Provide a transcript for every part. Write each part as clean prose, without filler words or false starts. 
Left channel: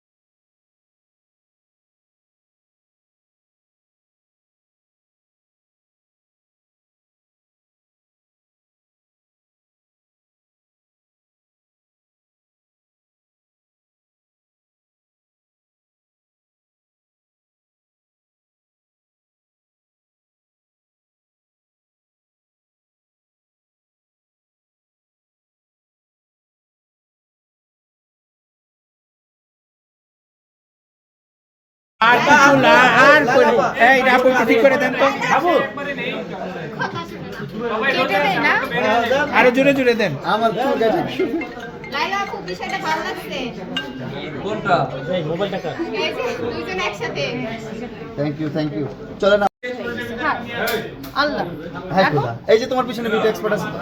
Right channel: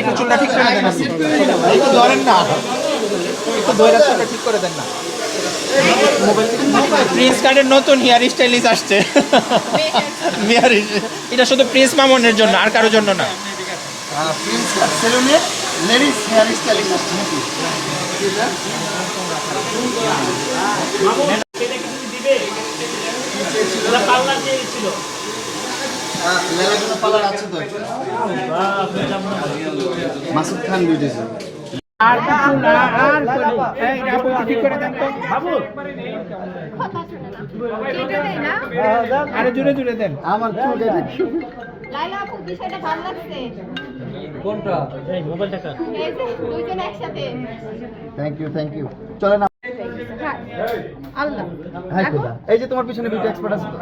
একটু চুলটা ঠিক করে দেন আপনি। একটু ধরেন না, একটু ধরে চুলটা ঠিক করে দেন না। প্রিন্স কার্ডের নতুন হেয়ার স্টাইলিশ আসছে। এটা শুধু প্রিন্স মামনের জন্য, আর কারোর জন্য না। প্রিন্স কার্ড সেলুনের লেডিস হেয়ার স্টাইলিশ আসছে নাকি? পার্লার আছে তো মাসুদ খান বিউটিশন। আর কিছু না, আর এই আপু ঠিক করে দেন তো বাবু, আরো জোরে জোরে দেন। আমার চুল কেটে লাইলা আপু বিষয়টা ভালো লাগছে। কোনটা? এই মোবাইলটা কার? এই যে দুইজন একসাথে। থ্যাংক ইউ চলে না। আল্লাহ হ্যাঁ খোদা, এই যে তোমার পিছনে বিউটি এক্সপার্ট আছে তো?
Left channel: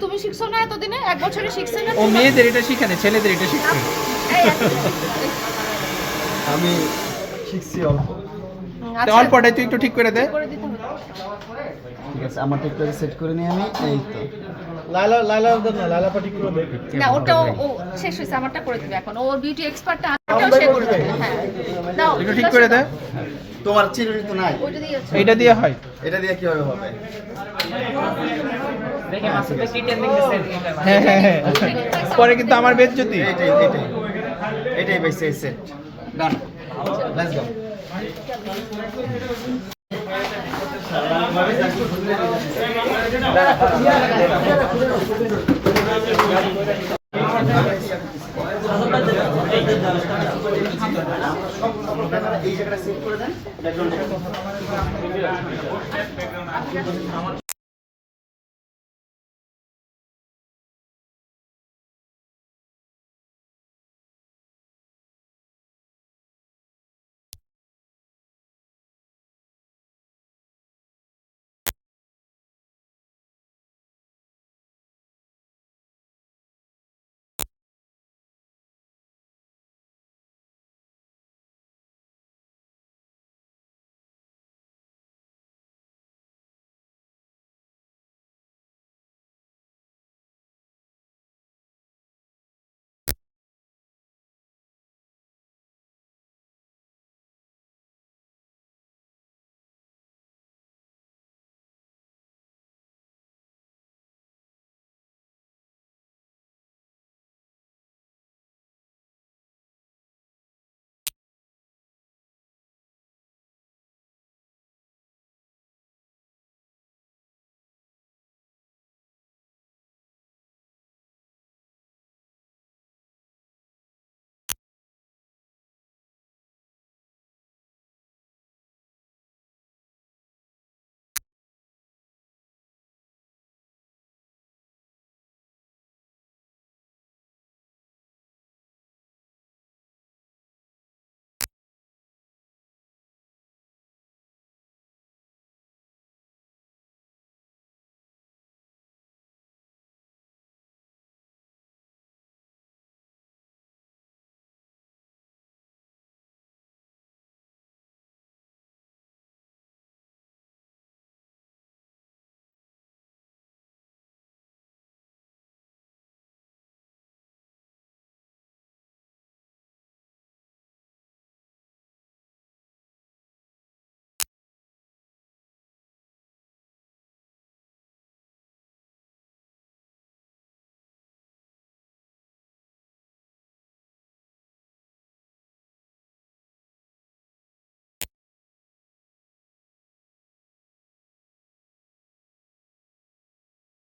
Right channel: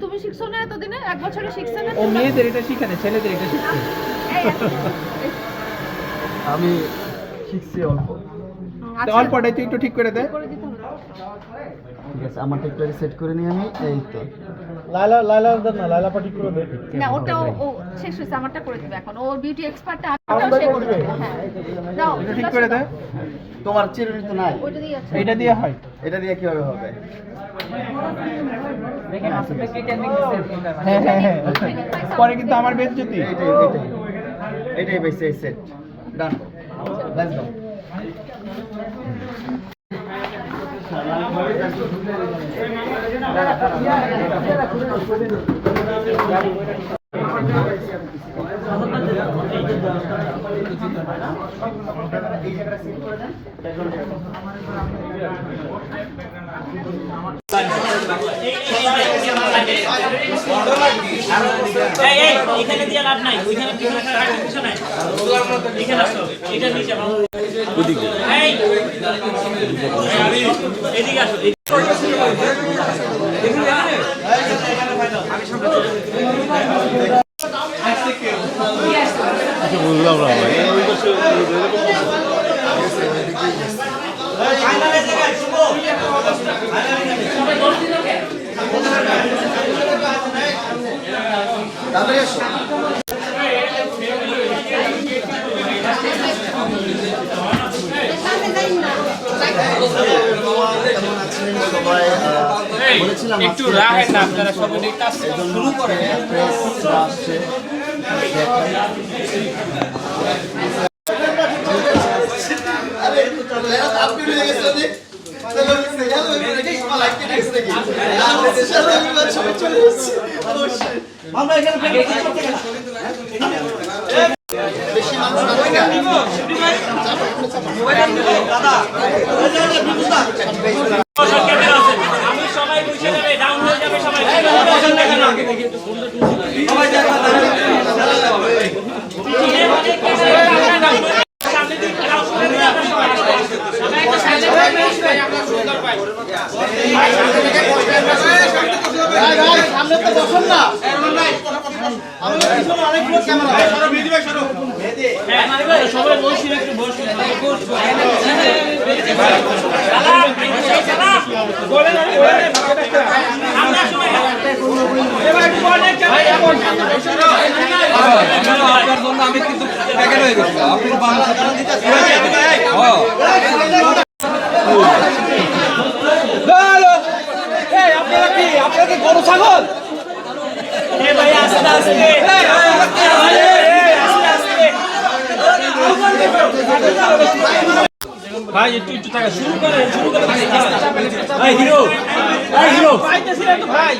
তুমি শিখছো না এতদিনে? এক বছরে শিখছো না? ও মেয়েদের এটা শিখে না, ছেলেদের এটা শিখছে। আমি শিখছি অল্প। অল্পটাই তুই একটু ঠিক করে দে। করে দিতে হবে। ঠিক আছে, আমার টিকটকে সেট করে নিয়ে আমি এই তো লাইলা পাটি করে দে। না ওটা ও শেষ হয়েছে, আমারটা করে দিবে এখন। ওর বিউটি এক্সপার্টটা আমারটাও শেষ করে দেবে। হ্যাঁ দাও একটু ঠিক করে দে। তোমার চিরুনি তো নাই, ওইটা দিয়ে আছে। এটা দিয়ে হয়। এটা দিয়ে কিভাবে হবে? হ্যাঁ হ্যাঁ হ্যাঁ, পরে কিন্তু আমার বেজ্জতি। এটাই বেশি সেট ডান। Let's go. এই জায়গাটা সেট করে দেন। এখানে দিয়ে লাভ নাই, ওইখানে কিছু নাই, এখানে আসো, এটা নিচে ওদিকে, এদিকে আসো। বুঝলাম না ভাই। তাড়াতাড়ি আসো। বলেছিলাম একটু রাহেন না, আপনারা সবাই কাজ শুরু করেন। আসছে আমরা এখানে বেশি মানুষ আমি সবাই বসে যাবে, ডাউন হয়ে যাবে সবাই। সামনে তো বসুন না। সবাই বসে একটু বসে আপনার জন্য আমি কিন্তু প্যাকেট হয়ে গেছি। আপনি আপনারা কি আপনাদের গরু ছাগল? ভাই একটু টাকা শুরু করে ভাই হিরো ভাই হিরো ভাই